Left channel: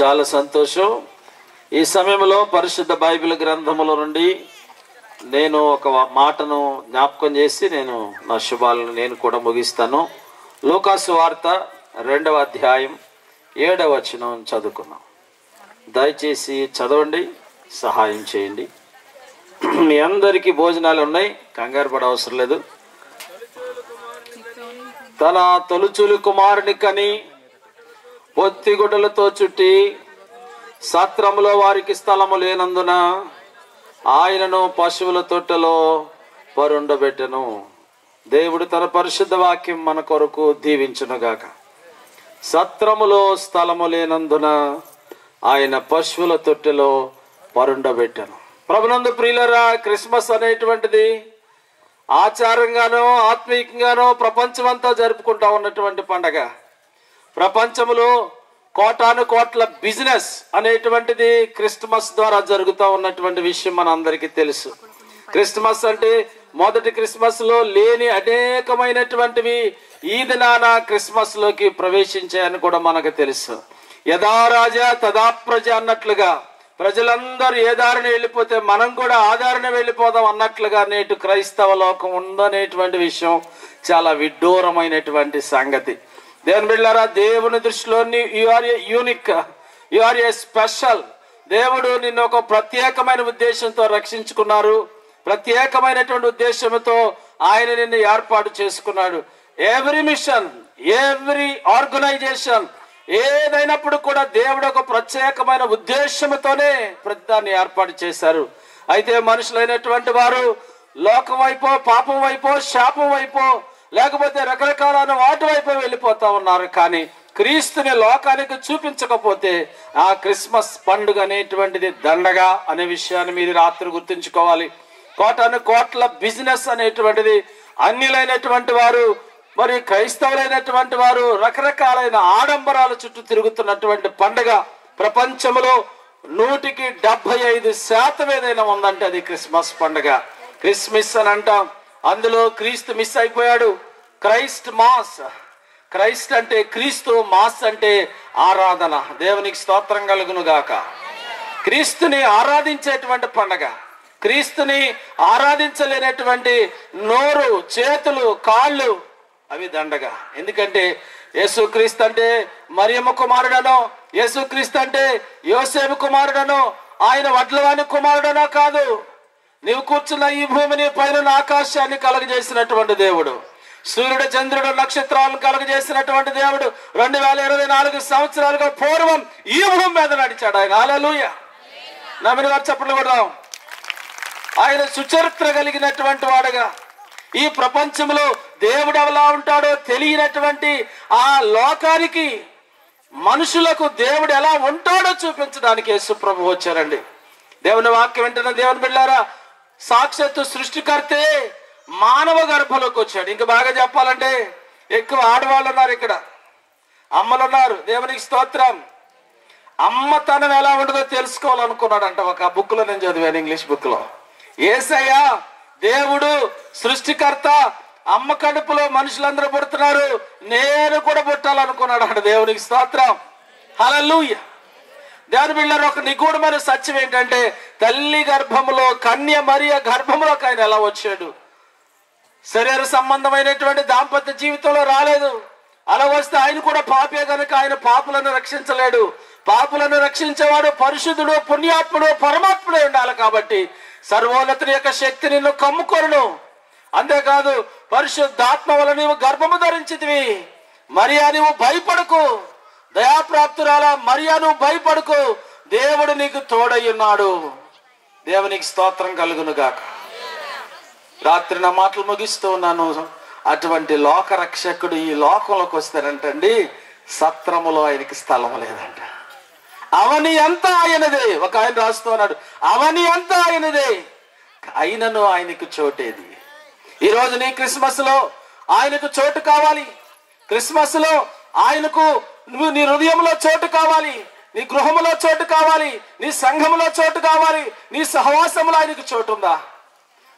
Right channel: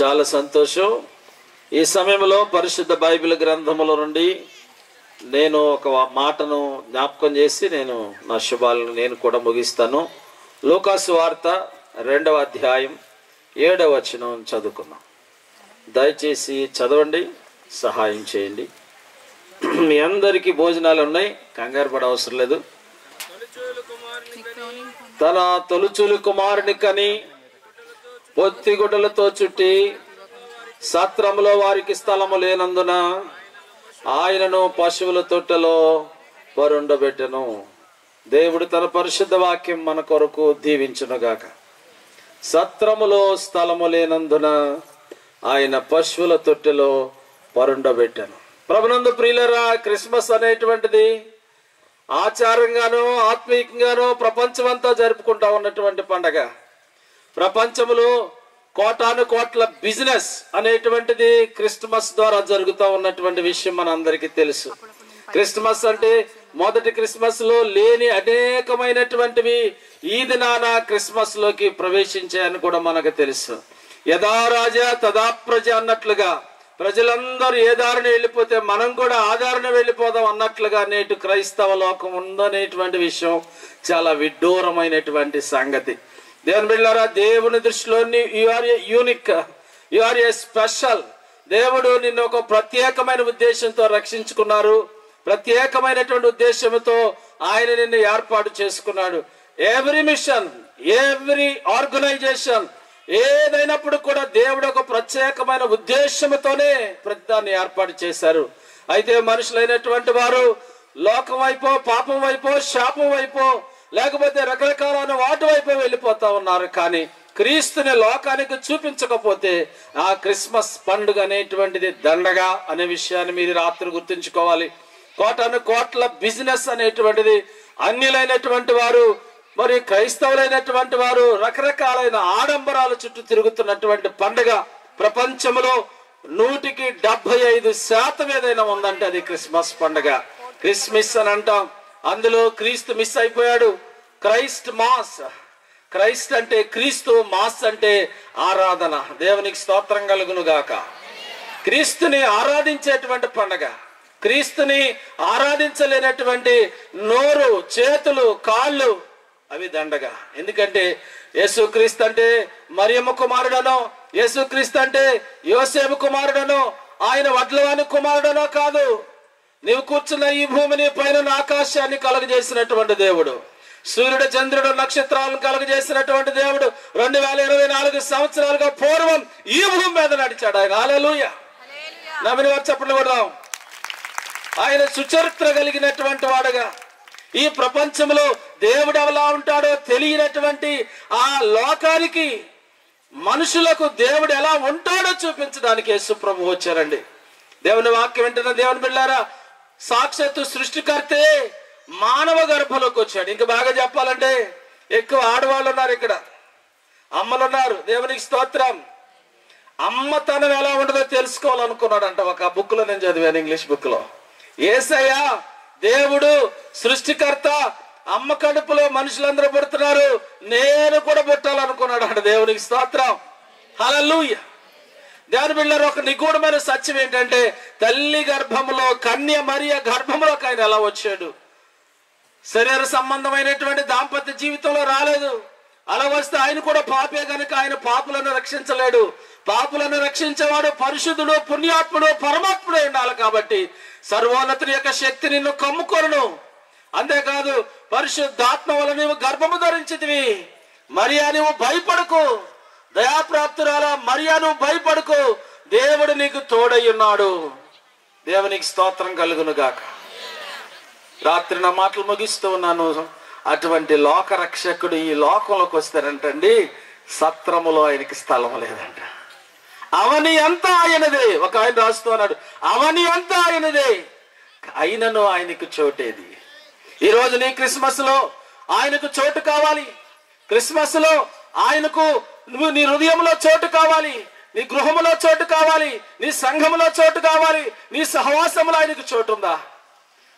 చాలా సంతోషం. ఈ సమయంలో పరిశుద్ధ బైబిల్ గ్రంథముల నుండి నేను ఒక మాటను జ్ఞాపకం చేసి నేను నా శుభాలను నేను కూడా ముగిస్తాను. లూకాసు వార్త 2వ అధ్యాయం 7వ వచనం చదువుకున్నాం. దయచేసి చదవండి, సహాయం చేయండి. మీ అందరికీ భోజనాలు ఉన్నాయి, కంగారు పడ అవసరం లేదు. తన తొలుచూలు కుమారుని కని పొత్తిగుడ్డలతో చుట్టి సత్రములో వారికి స్థలము లేనందున ఆయనను పశువుల తొట్టెలో పరుండబెట్టెను. దేవుడు తన పరిశుద్ధ వాక్యం మన కొరకు దీవించునుగాక. సత్రములో స్థలము లేనందున ఆయన పశువుల తొట్టెలో పరుండబెట్టెను. ప్రభునందు ప్రియులరా, క్రిస్మస్ అనేటువంటిది ఆచారంగానో ఆత్మీయంగానో ప్రపంచమంతా జరుపుకుంటా ఉన్నటువంటి పండగ. ప్రపంచంలో కోటాను కోట్ల బిజినెస్ అనేటువంటిది క్రిస్మస్ ద్వారా జరుగుతూ ఉన్నటువంటి విషయం మన అందరికీ తెలుసు. క్రిస్మస్ అంటే మొదటి క్రిస్మస్ లో లేని అనేకమైనటువంటివి ఈ దినాన క్రిస్మస్ లోకి ప్రవేశించాయని కూడా మనకు తెలుసు. యథా రాజా తదా ప్రజ అన్నట్లుగా ప్రజలందరూ ఏ దారిని వెళ్ళిపోతే మనం కూడా ఆ దారిని వెళ్ళిపోదాం అన్నట్లుగా నేటి క్రైస్తవ లోకం ఉందనేటువంటి విషయం చాలా విడ్డూరమైనటువంటి సంగతి. దేవుని బిడ్డలారా, దేవుని దృష్టిలో you are a unique, you are a special. దేవుడు నిన్ను ఒక ప్రత్యేకమైన ఉద్దేశంతో రక్షించుకున్నారు. ప్రత్యేకమైనటువంటి ఉద్దేశంతో ఆయన నిన్ను ఏర్పాటు చేసుకున్నాడు. ఎవ్రీ మిషన్, ఎవ్రీ ఆర్గనైజేషన్ ఏదైనప్పుడు కూడా దేవుడు ఒక ప్రత్యేకమైన ఉద్దేశంతోనే ప్రతిదాన్ని ఏర్పాటు చేశారు. అయితే మనుషులైనటువంటి వారు లోకం వైపో, పాపం వైపో, శాపం వైపో, లేకపోతే రకరకాలైన వాటి వైపు వెళ్ళిపోతా ఉన్నారు. కానీ క్రీస్తుని లోకానికి చూపించకపోతే ఆ క్రిస్మస్ పండుగ అనేటువంటిది దండగా అనే విషయాన్ని మీరు రాత్రి గుర్తుంచుకోవాలి. కోటాను కోట్ల బిజినెస్ అనేటువంటిది అన్యులైనటువంటి వారు, మరి క్రైస్తవులైనటువంటి వారు రకరకాలైన ఆడంబరాల చుట్టూ తిరుగుతున్నటువంటి పండుగ. ప్రపంచంలో 100% ఏదైనా ఉందంటే అది క్రిస్మస్ పండుగ. క్రిస్మస్ అని అంటాం. అందులో క్రీస్తు మిస్ అయిపోయాడు. క్రైస్ట్ మాస్, క్రైస్ట్ అంటే క్రీస్తు, మాస్ అంటే ఆరాధన. దేవునికి స్తోత్రం కలుగును గాక. క్రీస్తుని ఆరాధించేటువంటి పండగ. క్రీస్తుని ఆరాధించలేనటువంటి నోరు, చేతులు, కాళ్ళు అవి దండగా. ఎందుకంటే యేసుక్రీస్తు అంటే మరియమ్మ కుమారుడనో, యేసుక్రీస్తు అంటే యోసేపు కుమారుడనో, ఆయన వడ్లవాని కుమారుడనో కాదు. నీవు కూర్చున్న ఈ భూమిని, పైన ఆకాశాన్ని కలుగజేసినటువంటి దేవుడు, సూర్యుడు, చంద్రుడు, నక్షత్రాలను కలుగజేసినటువంటి దేవుడు 2024 సంవత్సరాలుగా పూర్వం ఈ భూమి మీద నడిచాడు ఆయన. హల్లెలూయా. నమ్మిన వారు చప్పట్లు కొడదాం. ఆయన సుచరిత్ర కలిగినటువంటి వాడుగా, ఈ ప్రపంచంలో దేవుడు ఎలా ఉంటాడో తెలియనటువంటి ఆ లోకానికి, మనుషులకు దేవుడు ఎలా ఉంటాడో చూపించడానికి యేసు ప్రభు వచ్చారండి. దేవుని వాక్యం వింటున్న దేవుని బిడ్డలారా, సాక్షాత్తు సృష్టికర్తే మానవ గర్భంలోకి వచ్చాడు. ఇంకా బాగా చెప్పాలంటే ఎక్కువ ఆడవాళ్ళు ఉన్నారు, ఇక్కడ అమ్మలు ఉన్నారు. దేవునికి స్తోత్రం. అమ్మతనం ఎలా ఉండదో తెలుసుకోవాలనుకున్నాడంట. ఒక బుక్ లో నేను చదివాను, ఇంగ్లీష్ బుక్ లో. యేసయ్య దేవుడు సృష్టికర్త, అమ్మ కడుపులో మనుషులందరూ పుడుతున్నారు, నేను కూడా పుట్టాలనుకున్నాడు అంట. దేవునికి స్తోత్రం. హల్లెలూయా. దేవుని బిడ్డలారా, ఒక నిగూఢమైన సత్యం ఏంటంటే తల్లి గర్భములో, కన్య మరియ గర్భములోకి ఆయన ఎలా వచ్చాడు? శరీర సంబంధమైనటువంటి దాంపత్య జీవితంలో రాలేదు. అలా వస్తే ఆయన కూడా పాపే గనుక ఆయన పాపులను రక్షించలేడు. పాపులను రక్షించేవాడు పరిశుద్ధుడు, పుణ్యాత్ముడు, పరమాత్ముడే ఉండాలి. కాబట్టి సర్వోన్నతుని యొక్క శక్తి నిన్ను కమ్ముకొనును. అంతేకాదు పరిశుద్ధాత్మ వల్ల నీవు గర్భము ధరించితివి. మరియా నీవు భయపడకు, దయాప్రాప్తురాలా మరియా నువ్వు భయపడకు, దేవుడు నీకు తోడై ఉన్నాడు. దేవునికి స్తోత్రం కలుగును గాక. రాత్రి నా మాటలు ముగిస్తూ ఉన్నాను. అటువంటి లోక రక్షకుడు ఈ లోకంలోకి వస్తారంటండి, సత్రములో ఆయనకి స్థలం లేదంట. అవని అంతా ఆయనదే. ఒక ఆయన రాస్తున్నాడు, అవని అంతా ఆయనదే, అయినను ఆయనకు చోటేది. ఈ రోజు నీ క్రిస్మస్ లో ఆయనకు చోటు కావాలి. క్రిస్మస్ లో ఆయనకు నువ్వు నీ హృదయంలో చోటు కావాలి, నీ గృహములో చోటు కావాలి, నీ సంఘములో చోటు కావాలి, నీ సహవాసంలో ఆయనకు చోటు ఉందా?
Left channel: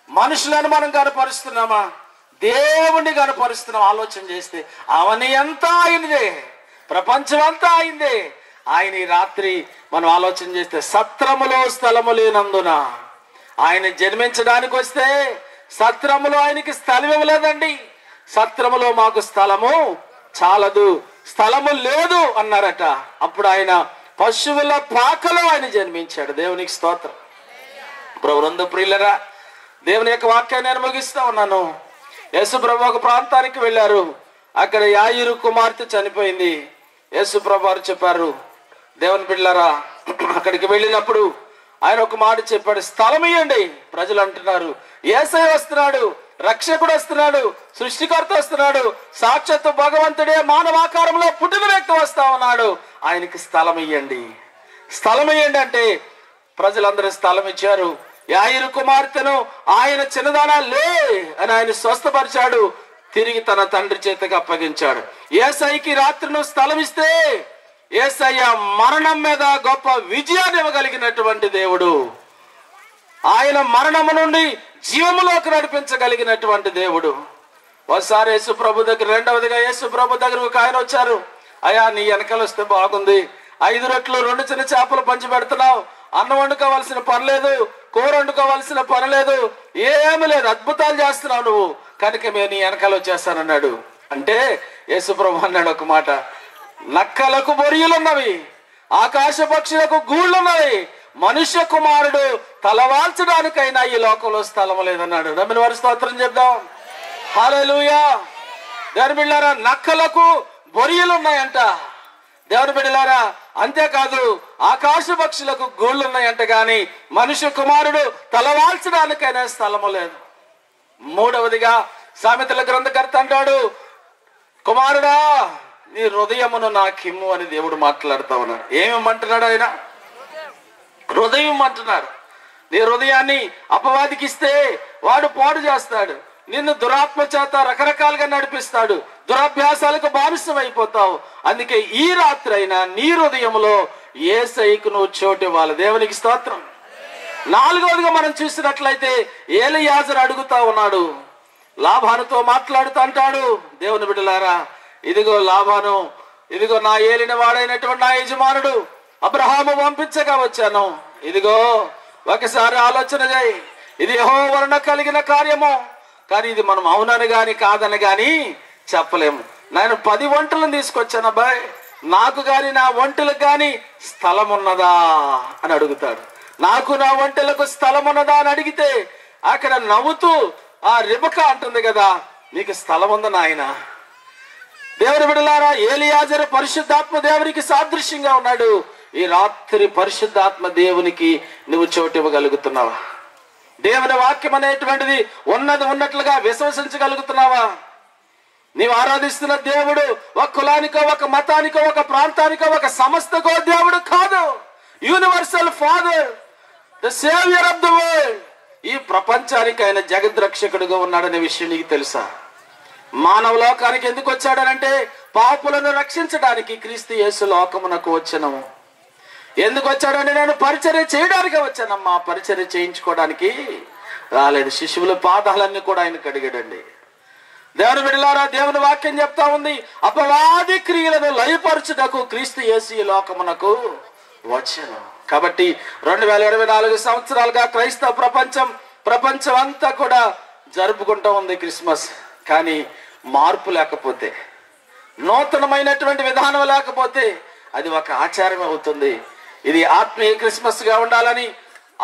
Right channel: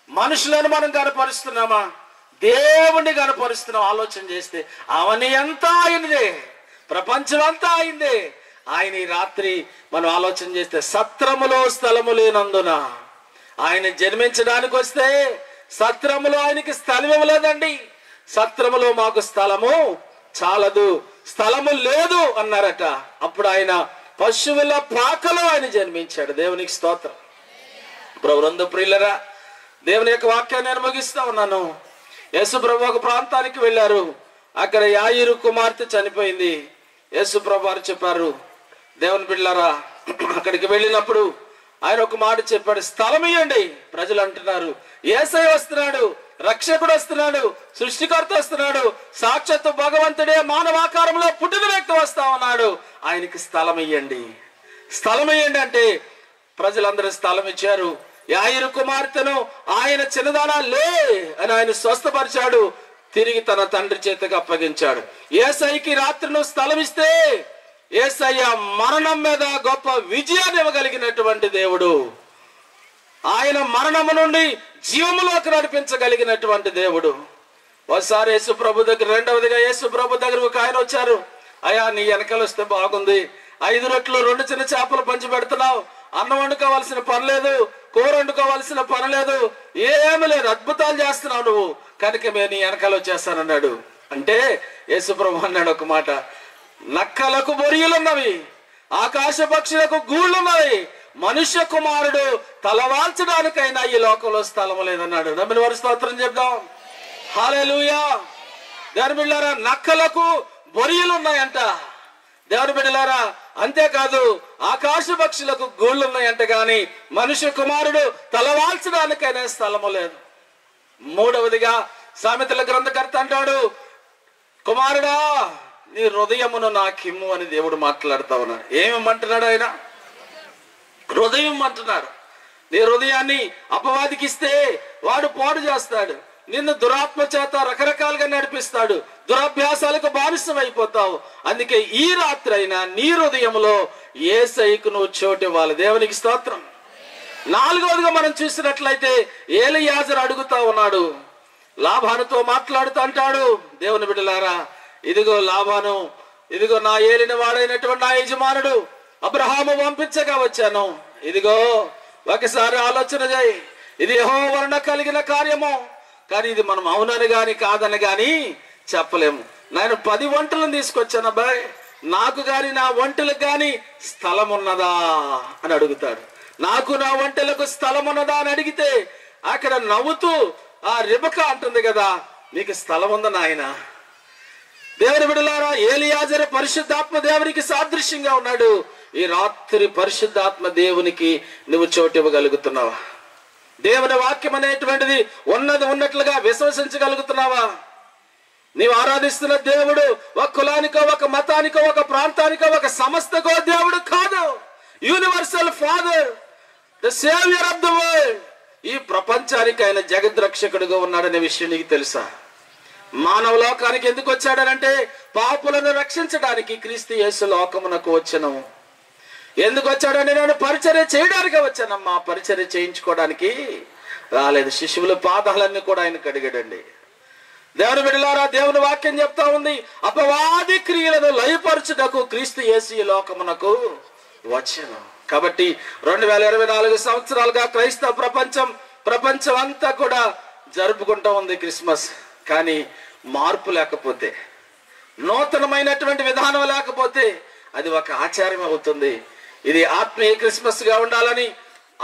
మనుషులను మనం కనపరుస్తున్నామా? దేవుణ్ణి కనపరుస్తున్నాం? ఆలోచన చేస్తే అవని అంతా ఆయనదే, ప్రపంచం అంతా అయిందే, ఆయన ఈ రాత్రి మనం ఆలోచన చేస్తే సత్రములో స్థలము లేనందున, ఆయన జన్మించడానికి వస్తే సత్రములో ఆయనకి స్థలం ఇవ్వలేదండి. సత్రములో మాకు స్థలము చాలదు, స్థలము లేదు అన్నారట. అప్పుడు ఆయన పశువుల పాకలో ఆయన జన్మించాడు. దేవునికి స్తోత్రం. ప్రభునందు ప్రియులరా, దేవుని యొక్క వాక్యాన్ని నేను ముగిస్తా ఉన్నాను. యేసు ప్రభు ఒక ప్రాంతానికి వెళ్ళారు. అక్కడ యాయిరు కుమార్తె చనిపోయింది. యేసు ప్రభు వారు చెప్పారు, దేవుని బిడ్డలారా, అక్కడికి వెళ్ళినప్పుడు ఆయన ఒక మాట చెప్పాడు, స్థలం ఇవ్వండి. ప్రజలు అంటున్నారు, యేసయ్య వస్తున్నాడు, రక్షకుడు వస్తున్నాడు, సృష్టికర్త వస్తున్నాడు, సాక్షాత్తు భగవంతుడే మానవాకారంలో పుట్టిన వ్యక్తి వస్తా ఉన్నాడు, ఆయనకి స్థలం ఇవ్వండి, స్థలం ఇవ్వండి అంటే ప్రజలందరూ స్థలం ఇచ్చారు. యాయిరు కుమార్తెను ఆయన చిన్నదానా లే అని ఆయన స్వస్థపరిచాడు. తిరిగి తన తండ్రి చేతికి అప్పగించాడు. యేసయ్యకి రాత్రి నువ్వు స్థలం ఇస్తే యేసయ్య మరణం మీద గొప్ప విజయాన్ని ఇవ్వగలిగినటువంటి దేవుడు. ఆయన మరణము నుండి జీవములోకి నడిపించగలిగినటువంటి దేవుడు. ఒకసారి యేసు ప్రభు దగ్గర, రెండవదిగా యేసు ప్రభు దగ్గర ఒక ఆయన వచ్చారు. అయ్యా, నీ వెనకాల వస్తే బాగుంది, 5 రొట్టెలు 2 చిన్న చేపలు పంచి పెడుతున్నావు, అన్నం వండుకోవాల్సిన పని లేదు, కూర వండుకోవాల్సిన పని లేదు, ఏమీ లేదు, అద్భుతాలు చేస్తున్నావు నువ్వు, కనుక మేము నీ వెనకాల వచ్చేస్తానన్నాడు. అంటే యేసు ప్రభు అన్నాడు ఒక మాట, నక్కలకు బొరియలున్నవి, ఆకాశ పక్షులకు గూళ్ళున్నవి, మనుష్య కుమారుడు తలవాల్చడానికైనా ఈ లోకంలో స్థలం లేదన్నాడు. నమ్మిన వారి స్తోత్రం చెప్దాం. హల్లెలూయా. దేవుని బిడ్డలారా, నక్కలకు బొరియలున్నాయంట. దేవుని బిడ్డలారా, అంతేకాదు ఆకాశ పక్షులకు గూళ్ళున్నాయంట, గాని మనుష్య కుమారుడు తలవాల్చడానికైనా స్థలము లేదు. మూడవదిగా సామెతల గ్రంథకర్త అంటాడు, కుమారుడా నీ హృదయమును నాకిమ్ము అని దేవుడు మాట్లాడుతా ఉన్నాడు. ఏమేమంటున్నాడు ఆయన? హృదయం అంటున్నాడు. నీ హృదయాన్ని అపవాదికి ఇస్తే వాడు పాడు చేస్తాడు, నిన్ను దురాత్మ చేత రకరకాలుగా నడిపిస్తాడు, దురభ్యాసాలకు బానిసం అయిపోతావు. అందుకే ఈ రాత్రి అయినా నీ హృదయంలో యేసయ్యకు నువ్వు చోటు ఇవ్వాలి. దేవునికి స్తోత్రం. నాలుగవదిగా మనం చూసినట్లయితే ఏలీయాజరు అడుగుతా ఉన్నాడు, లాబానుతో మాట్లాడుతూ అంటాడు, దేవుని బిడ్డలారా, ఇదిగో లాబాను, ఇదిగో నా ఏలిన వాడైనటువంటి నా యజమానుడు అబ్రహాము పంపించగా వచ్చాను. ఇదిగో ఒకసారి ఆలోచన చేయి, ఇది యెహోవా వలన కలిగిన కార్యము, కానీ ఇది మనం అవునని గాని కాదని గాని చెప్పలేము. నేను 10 వంటలను తీసుకొచ్చాను అబ్బాయి, నాకు గాని నా వంటలకు గాని స్థలం ఉన్నదా అని అడుగుతాడు. నాకు నా వంటలకు స్థలం ఉన్నదా అని అడిగితే అక్కడ నవ్వుతూ ఆ రిబకా అంటుంది కదా, నీకు స్థలం ఉందా నాయన. దేవుని బిడ్డలారా, ఏలీయాజరు పరిశుద్ధాత్మ దేవునికి సాదృశ్యంగా ఉన్నాడు. ఈ రాత్రి పరిశుద్ధాత్మ దేవునికి నువ్వు చోటు ఇవ్వగలుగుతున్నావా? దేవుని వాక్యం అనేటువంటిది ఉన్నది ఉన్నట్లుగా విశ్వసించగలుగుతున్నావా? నీవు ఆరాధిస్తున్న దేవుడు ఒక కులానికో, ఒక మతానికో, ఒక ప్రాంతానికో, ఒక సంస్థకో దేవుడు కాదు. Universal father, the saviour of the world. ఈ ప్రపంచానికి ఆయన జగద్రక్షకుడుగా ఉన్నాడనే విషయం నీకు తెలుసా? మానవ లోకానికి ఎందుకు వచ్చాడనంటే పాపులను రక్షించడానికి క్రీస్తు యేసు లోకమునకు వచ్చను. ఎందుకు వచ్చాడని, నేను పరిచర్య చేయడానికి వచ్చానమ్మా, పరిచర్య చేయించుకోవడానికి రాలేదు. శిశువుల పాదాలన్నీ కూడా ఆయన కడిగాడండి. దేవుని బిడ్డలారా, దేవుని వాక్యం చెప్తా ఉంది, అపవాది క్రియలను లయపరచుటకు క్రీస్తు యేసు ఈ లోకమునకు వచ్చను. కాబట్టి 2024 సంవత్సరాలుగా క్రైస్తవ ప్రపంచం అంతా కూడా జరుపుకుంటూ ఉంది క్రిస్మస్. కానీ మార్పు లేకపోతే, నూతనమైనటువంటి విధానం లేకపోతే అది ఒక ఆచారం అవుతుంది. ఇది ఆత్మీయ క్రిస్మస్ గా ఉండాలని,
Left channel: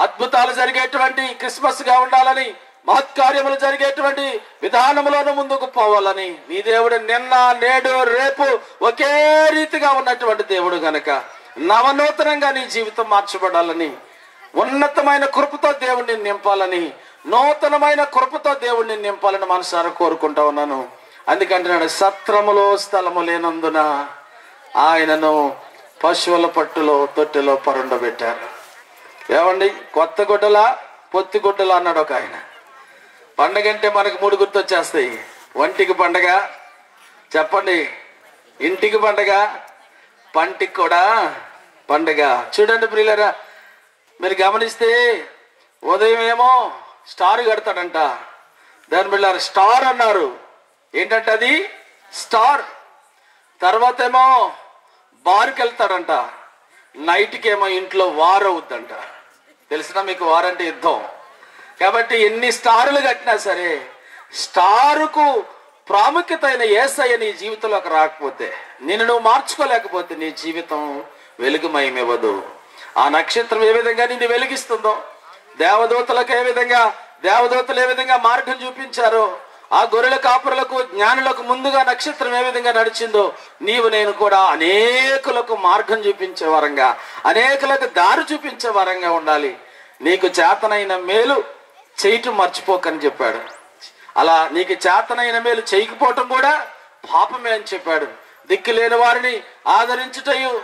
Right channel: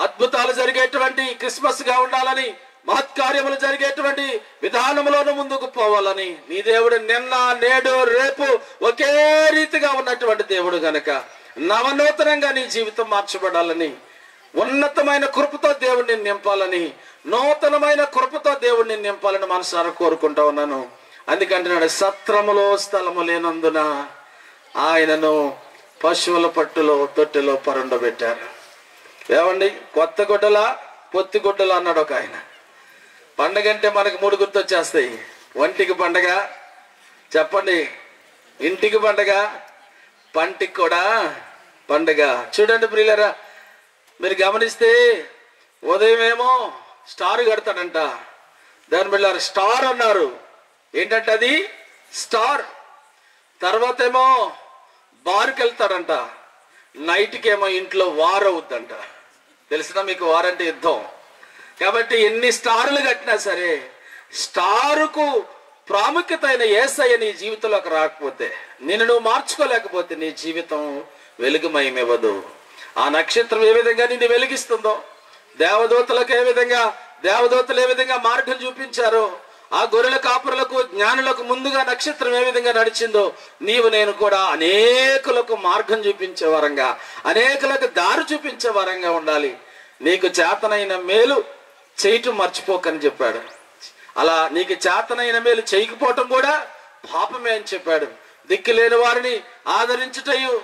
అద్భుతాలు జరిగేటువంటి క్రిస్మస్ గా ఉండాలని, మహత్కార్యములు జరిగేటువంటి విధానంలోనూ ముందుకు పోవాలని, నీ దేవుడు నిన్న నేడు రేపు ఒకే రీతిగా ఉన్నటువంటి దేవుడు గనక నవనూతనంగా నీ జీవితం మార్చబడాలని, ఉన్నతమైన కృపతో దేవుడిని నింపాలని, నూతనమైన కృపతో దేవుడిని నింపాలని మనసారా కోరుకుంటా ఉన్నాను. అందుకంటున్నాడు, సత్రములో స్థలము లేనందున ఆయనను పశువుల పట్టులో తొట్టెలో పరుండబెట్టారు. ఏమండి, కొత్త గుడ్డలా పొత్తి గుడ్డలా అన్నాడు ఒక ఆయన. పండగ అంటే మనకు 3 గుర్తొచ్చేస్తాయి. ఒంటికి పండగ, చెప్పండి, ఇంటికి పండగ, పంటికి కూడా పండగ. చూడండి ప్రియులారా, మీరు గమనిస్తే ఉదయం ఏమో స్టార్ కడతాడంట. దాని బిళ్ళారు స్టార్ అన్నారు. ఏంటంటే అది స్టార్. తర్వాత ఏమో బార్కి వెళ్తాడంట. నైట్కి ఏమో ఇంట్లో వార్ అవుద్దంట. తెలిసినా మీకు వారంటే యుద్ధం. కాబట్టి ఎన్ని స్టారులు కట్టినా సరే స్టారుకు ప్రాముఖ్యత అయిన యేసయ్య నీ జీవితంలోకి రాకపోతే, నిన్ను నువ్వు మార్చుకోలేకపోతే నీ జీవితం వెలుగుమయమివ్వదు. ఆ నక్షత్రం ఏ విధంగా నిన్ను వెలిగిస్తుందో, దేవదూతలకు దేవదూతలు ఏ విధంగా మార్గం చూపించారో, ఆ గొర్రెల కాపురులకు జ్ఞానులకు ముందుగా నక్షత్రం ఏ విధంగా నడిచిందో, నీవు నేను కూడా అనేకులకు మార్గం చూపించే వరంగా, అనేకులకు దారి చూపించే వరంగా ఉండాలి. నీకు చేతనైన మేలు చేయటం మర్చిపోకని చెప్పాడు. అలా నీకు చేతనైన మేలు చేయకపోవటం కూడా పాపమే అని చెప్పాడు. దిక్కులేని వారిని ఆదరించుటయు,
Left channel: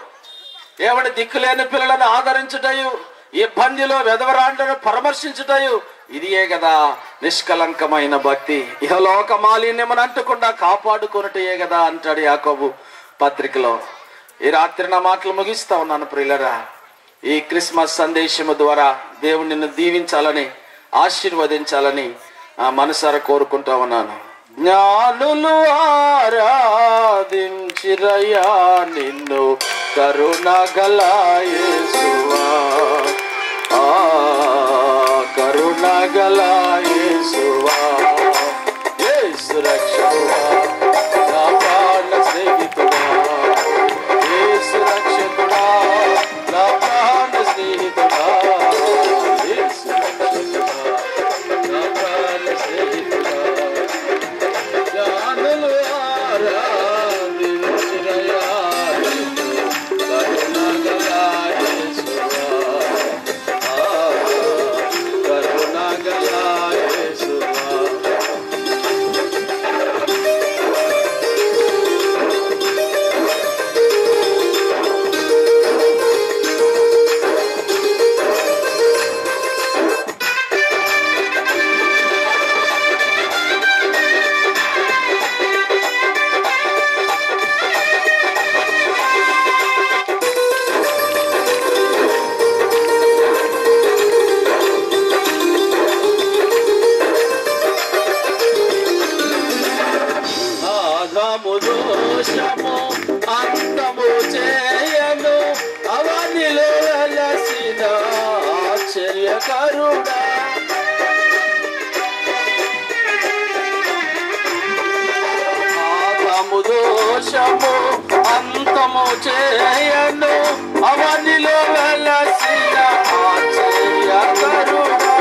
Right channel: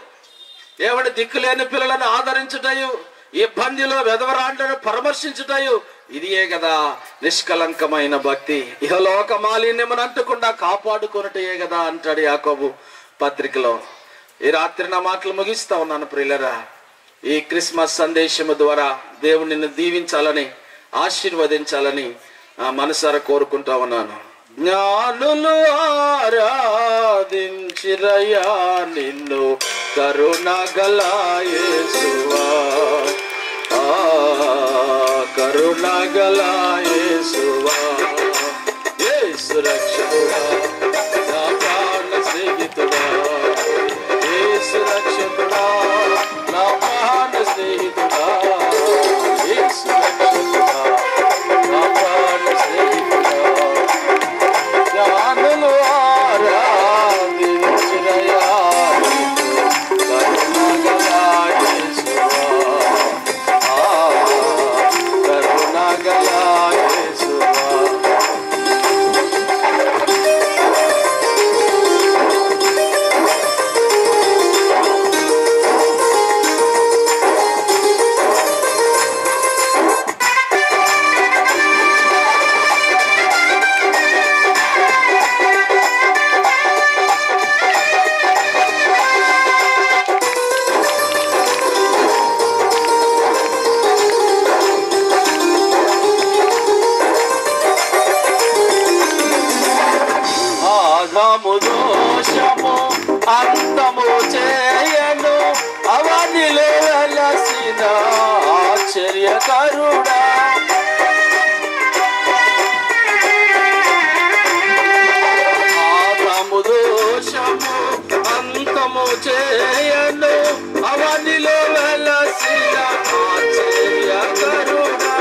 ఏమని దిక్కులేని పిల్లలను ఆదరించుటయు, ఇబ్బందిలో వెదవరాండ్లను పరామర్శించుటయు, ఇదియే కదా నిష్కలంకమైన భక్తి. ఇహలోక మాలిన్యమని అంటకుండా కాపాడుకొనుటయే కదా అంటాడు యాకోబు పత్రికలో. ఈ రాత్రి నా మాటలు ముగిస్తా ఉన్నాను ప్రియులరా. ఈ క్రిస్మస్ సందేశము ద్వారా దేవుడు నిన్ను దీవించాలని, ఆశీర్వదించాలని మనసారా కోరుకుంటా ఉన్నాను. జ్ఞానులు ఆరాధించిరయ్యా నిన్ను కరుణగల యేసువా, కరుణగల యేసువా, యేసు రక్షకుడా నా ప్రాణ స్నేహితుడా, యేసు రక్షకుడా నా ప్రాణ స్నేహితుడా, యేసు రక్షకుడా నా ప్రాణ స్నేహితుడా. జ్ఞానులు ఆరాధించిరయ్యా కరుణగల యేసువా, కరుణగల యేసువా. దోషము అంతము చేయను అవనిలో వెలసిన ఆశ్చర్యకరుడా, ఆదాము దోషము అంతము చేయను అవనిలో వెలసిన ఆశ్చర్యకరుడా,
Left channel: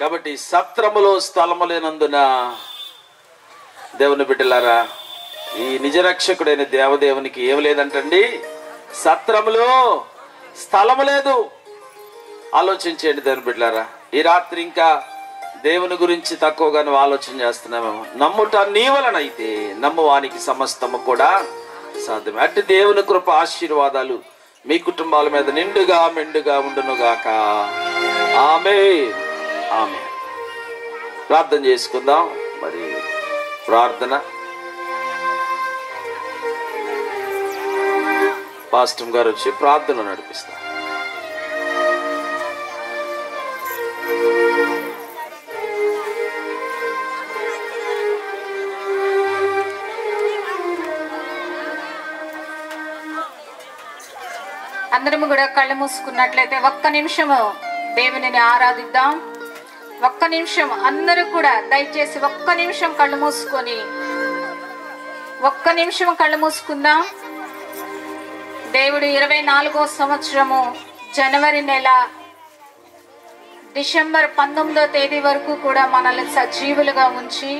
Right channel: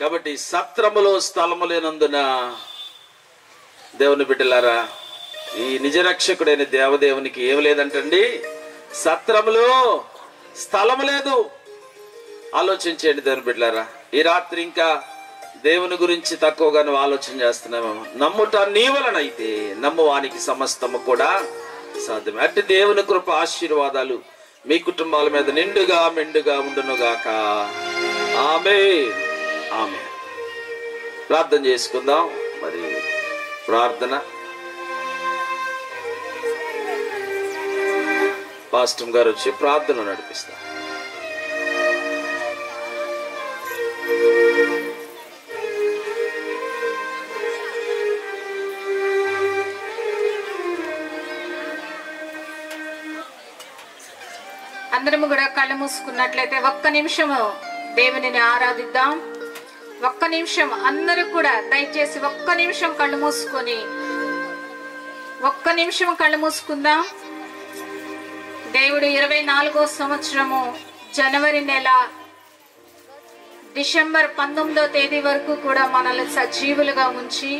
కాబట్టి సత్రములో స్థలము లేనందున దేవుని బిడ్డలారా, ఈ నిజరక్షకుడైన దేవదేవునికి ఏమి లేదంటండి, సత్రములో స్థలము లేదు. ఆలోచించండి దేవుని బిడ్డలారా. ఈ రాత్రి ఇంకా దేవుని గురించి తక్కువగా నువ్వు ఆలోచన చేస్తున్నామేమో. నమ్ముట నీ వలనైతే నమ్మువానికి సమస్తము కూడా సాధ్యమే. అట్టి దేవుని కృప ఆశీర్వాదాలు మీ కుటుంబాల మీద నిండుగా మెండుగా ఉండునుగాక. ఆమేన్. ఆమేన్. ప్రార్థన చేసుకుందాం. మరి ప్రార్థన పాస్టర్ గారు వచ్చి ప్రార్థన నడిపిస్తారు. అందరము కూడా కళ్ళు మూసుకున్నట్లయితే ఒక్క నిమిషము దేవునిని ఆరాధిద్దాం. ఒక్క నిమిషం అందరూ కూడా దయచేసి ఒక్క నిమిషం కళ్ళు మూసుకుందాం. దేవుడు 24వ సంవత్సరము జనవరి నెల డిసెంబర్ 19వ తేదీ వరకు కూడా మనల్ని సజీవులుగా ఉంచి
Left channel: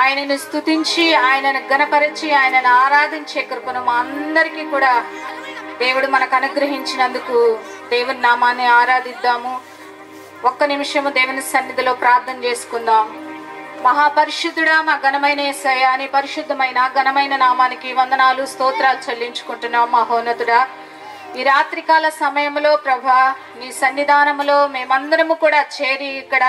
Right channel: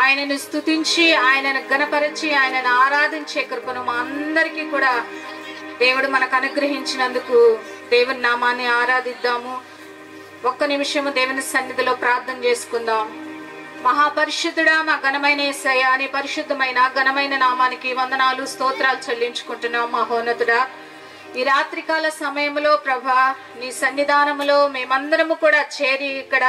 ఆయనని స్తుతించి ఆయనను గణపరిచి ఆయనను ఆరాధించే కృపను మా అందరికీ కూడా దేవుడు మనకు అనుగ్రహించినందుకు దేవుని నామాన్ని ఆరాధిద్దాము. ఒక్క నిమిషము దేవుని సన్నిధిలో ప్రార్థన చేసుకుందాం. మహాపరిశుద్ధుడా, మా ఘనమైన యేసయ్యా, నీ పరిశుద్ధమైన ఘనమైన నామానికి వందనాలు స్తోత్రాలు చెల్లించుకుంటున్నాం. మహోన్నతుడా, ఈ రాత్రికాల సమయంలో ప్రభా నీ సన్నిధానములో మేమందరము కూడా చేరి ఇక్కడ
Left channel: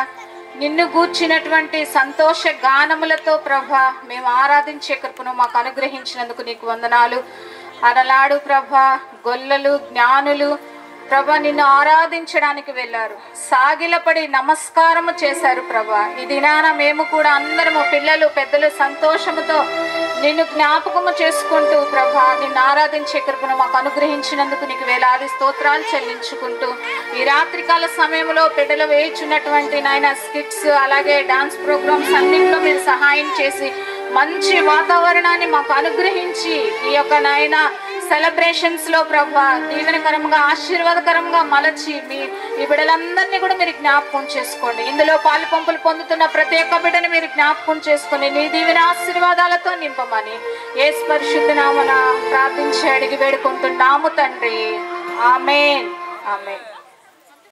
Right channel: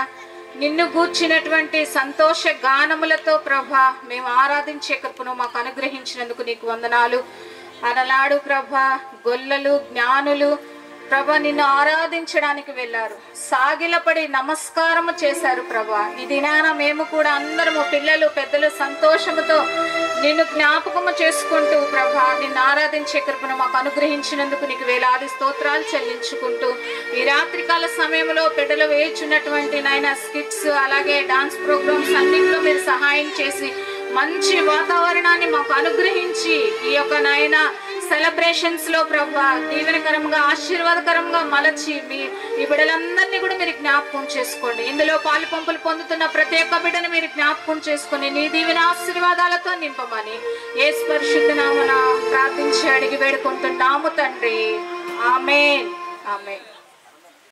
నిన్ను గూర్చినటువంటి సంతోష గానములతో ప్రభా మేము ఆరాధించే కృపను మాకు అనుగ్రహించినందుకు నీకు వందనాలు. అరలాడు ప్రభా గొల్లలు జ్ఞానులు ప్రభా నిన్ను ఆరాధించడానికి వెళ్లారు, సాగిలపడి నమస్కారము చేశారు ప్రభా. ఈ దినాన మేము కూడా అందరము పిల్లలు పెద్దలు సంతోషముతో నిన్ను జ్ఞాపకము చేసుకుంటూ ప్రభా నిన్ను ఆరాధించే కృపను మాకు అనుగ్రహించినందుకు నీకు వేలాది స్తోత్రాలు చెల్లించుకుంటూ ఈ రాత్రికాల సమయంలో బిడ్డలు వేయించున్నటువంటి నాయన స్కిట్స్ అలాగే డాన్స్ ప్రోగ్రామ్స్ అన్నింటిలో మీరు సహాయం చేసి మంచి వాతావరణాన్ని మాకు అనుగ్రహించి ఈ యొక్క నాయన సెలబ్రేషన్స్ లో ప్రభా దీవెనకరంగా ఆశీర్వాదకరంగా మలచి ఈ బిడ్డలందరినీ కూడా మీరు జ్ఞాపకం చేసుకోండి. ఇందులో పాలు పంపులు పొందుతున్న ప్రతి ఒక్క బిడ్డని మీరు జ్ఞాపకం చేసుకుని నీ దీవెన ఆశీర్వాదాలతో నింపమని యేసు పరిశుద్ధ నామమున ప్రార్థించి అడిగి వేడుకుంటున్నాము తండ్రి. ఆమేన్. ఆమేన్.